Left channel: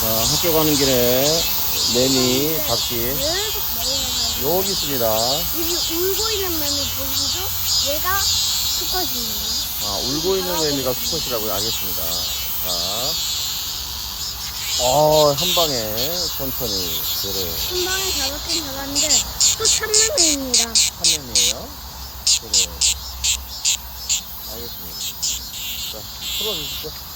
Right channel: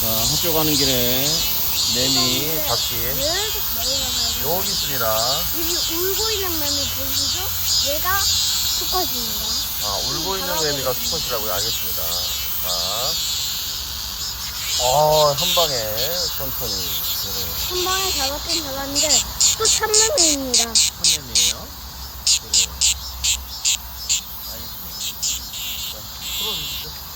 자, 학교 가는 길에 매미 잡기 계속 내려가요. 여기 있습니다. 여기 울고 있는 매미 보이시죠? 얘가 수컷입니다. 울고 있는 매미가 수컷이라고요. 알겠습니다. 한 방에 천천히 도로 한 방에 잡았긴 잡았는데 또 참매미입니다. 참매미에요. 알겠습니다. 자, 풀어주시죠.